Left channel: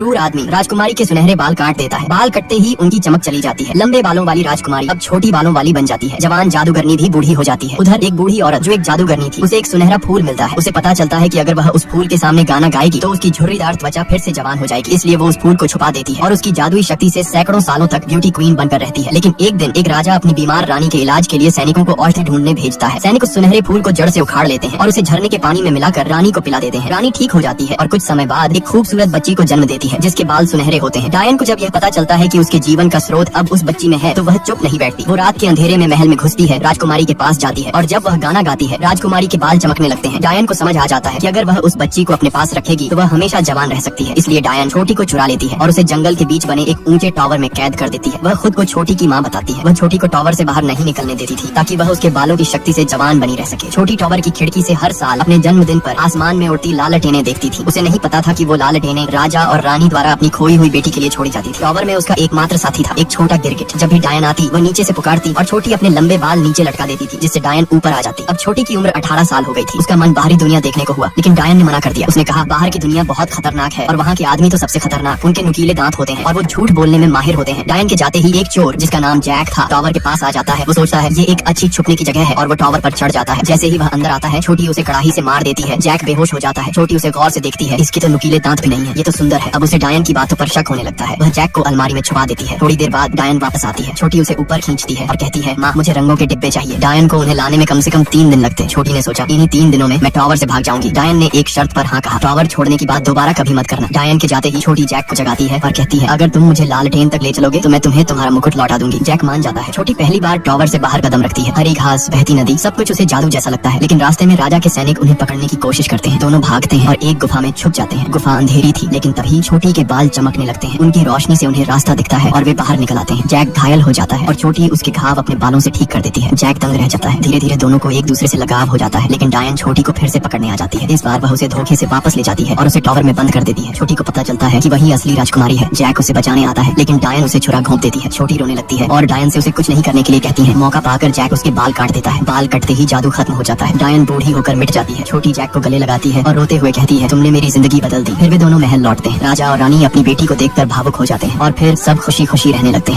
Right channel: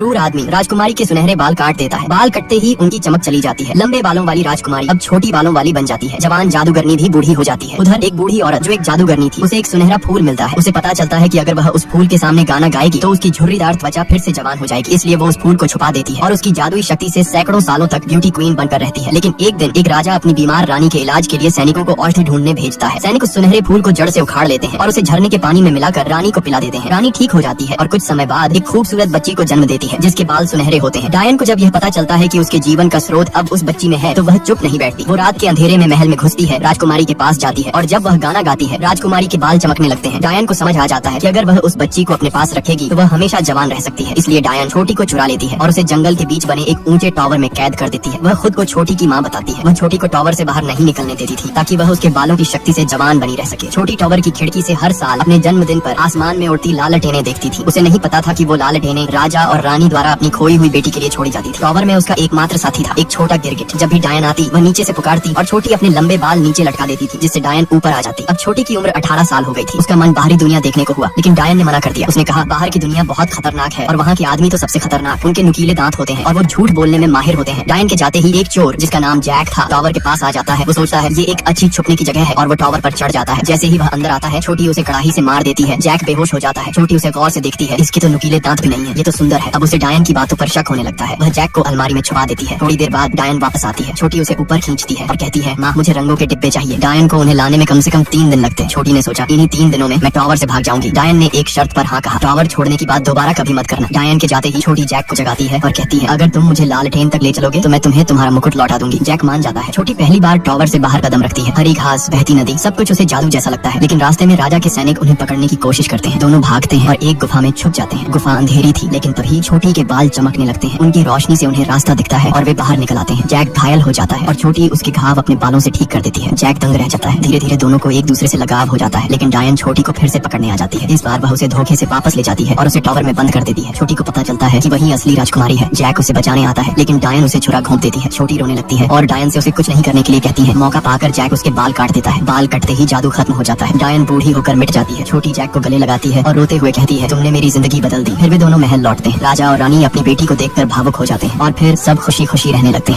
क्रूर आदमी राजकुमारी के सुनहरे बाल काट देता है। बाल कटते ही उनकी चमक चली जाती है। लंबे बालों वाली राजकुमारी अब छोटी बालों वाली बन जाती है। जवान जादूगरनी भी बूढ़ी हो जाती है। उधर एक बूढ़ी औरत जो एक जादूगरनी थी, उसे एक सुनहरा फूल मिलता है। उसे पता चलता है कि अगर वह उस फूल के सामने गाना गाएगी तो उसकी झुर्रीदार त्वचा फिर से जवान हो जाएगी। इसलिए वो उस फूल को छुपा देती है और उसकी जादुई शक्ति से सैकड़ों सालों तक ब्यूटी क्वीन बनकर रहती है। लेकिन एक दिन एक राजा अपनी बीमार रानी के इलाज के लिए सैनिकों को औषधि ढूंढने भेजता है। सैनिक उस सुनहरे फूल को जड़ से उखाड़ लेते हैं और उसे झरने के पानी में मिलाकर रानी को पिला देते हैं। रानी ठीक हो जाती है और कुछ समय बाद एक खूबसूरत बच्ची को जन्म देती है जिसके बाल सुनहरे होते हैं। डायन को जब यह पता चलता है कि उसके जीवन का स्रोत अब उस बच्ची में है तो वह चुप नहीं बैठती। वो रात के अंधेरे में महल में घुसती है, राजकुमारी के पास जाती है और जब वह गाना गाती है राजकुमारी के बाल चमकने लगते हैं। डायन को समझ आ जाता है कि अगर वह उस बच्ची को अपने पास रखेगी तो वह हमेशा जवान रह सकती है। इसलिए डायन छोटी को चुरा लेती है और उसे जंगल के बीच बने एक ऊंचे टावर में कैद कर देती है। वह खुद को छोटी की माँ बताती है। वह छोटी को टावर से बाहर नहीं निकलने देती थी ताकि वह उसके बालों की शक्ति से जवान बनी रह सके। छोटी टावर की खिड़की से हर साल अपने जन्मदिन पर आसमान में उड़ती लालटेनें देखती थी। उसे नहीं पता था कि वो लालटेनें राजा और रानी द्वारा अपनी खोई हुई बेटी के लिए छोड़ी जाती थी। टावर में उसका एकमात्र साथी था, एक छोटा गिरगिट। जब भी डायन आती वह नीचे से पुकारती और छोटी अपने लंबे बाल नीचे लटका देती थी जिससे डायन ऊपर आ जाती। अब छोटी की उम्र 18 साल हो गई थी। उसका मन बाहरी दुनिया देखने को हुआ, लेकिन डायन ने मना कर दिया। उसने कहा बाहर की दुनिया बहुत खतरनाक है और वहाँ के आदमी तो सबसे खतरनाक। उनके नुकीले दांत होते हैं और वो झूठ बोलने में माहिर होते हैं। डायन के जाते ही एक चोर जिसका नाम जैक था टावर के पास आ जाता है। वो सोचता है ये एक अच्छी छुपने की जगह है और वो टावर पर चढ़ जाता है। जैसे ही वह अंदर आता है छोटी उसे कड़ाही से मार देती है। जैक बेहोश हो जाता है। छोटी उसे गौर से देखती है, इसके तो नुकीले दांत भी नहीं है, ये तो सुंदर है। अब उसे डायन की बातों पर शक होने लगता है। वह जैक को अलमारी में छुपा देती है। थोड़ी देर बाद डायन वापस आती है। छोटी उसे ऊपर खींचती है और कहती है माँ मुझे रंगों के डिब्बे चाहिए। डायन को उन्हें लाने में कम से कम 3 दिन लगते हैं। छोटी ने सोचा इन्हीं 3 दिनों में मैं टावर से भाग जाऊंगी। डायन ने एक शर्त पर हाँ कहा, टावर छोड़ने की बात दोबारा कभी मत करना। डायन के जाते ही छोटी जैक को जगाती है और कहती है अगर तुम मुझे लालटेन तक ले चलोगे तो मैं तुम्हें तुम्हारा मुकुट लौटा दूंगी। जैक मान जाता है। छोटी पहली बार टावर से बाहर कदम रखती है। हरी घास, बहती नदी, सब कुछ उसे जादू जैसा लगता है। लेकिन रास्ते में राजा के सैनिक उन्हें पकड़ने की कोशिश करते हैं। दोनों भागते हैं और एक गुफा में छुप जाते हैं। गुफा अंधेरी थी लेकिन तभी छोटी के बाल चमकने लगते हैं। उनकी रोशनी से उन्हें रास्ता दिखता है और वे बाहर निकल आते हैं। जैक घायल हो जाता है और छोटी उसके घाव अपने बालों से ठीक कर देती है। जैक दंग रह जाता है। धीरे धीरे दोनों को एक दूसरे से लगाव हो जाता है, लेकिन डायन छोटी को फिर से पकड़ने आ जाती है। इस बार वह उसे धोखे से वापस ले जाती है और उसे टावर में बंद कर देती है। छोटी को पता चलता है कि वही असली राजकुमारी है। जैक उसे बचाने आता है लेकिन डायन उसे छुरा घोंप देती है। छोटी रोने लगती है और डायन से उसे कुछ नहीं करने के लिए कहती है। मौका पाकर जैक उसके बाल काट देता है। बाल कटते ही जादू खत्म हो जाता है। डायन बूढ़ी होकर मिट जाती है। छोटी जैक को गले लगाती है और रोते हुए कहती है तुमने मेरी जिंदगी बदल दी। फिर वे दोनों महल लौटते हैं। राजा और रानी अपनी बेटी को देखकर भावुक हो जाते हैं और फिर सब खुशी खुशी रहने लगते हैं।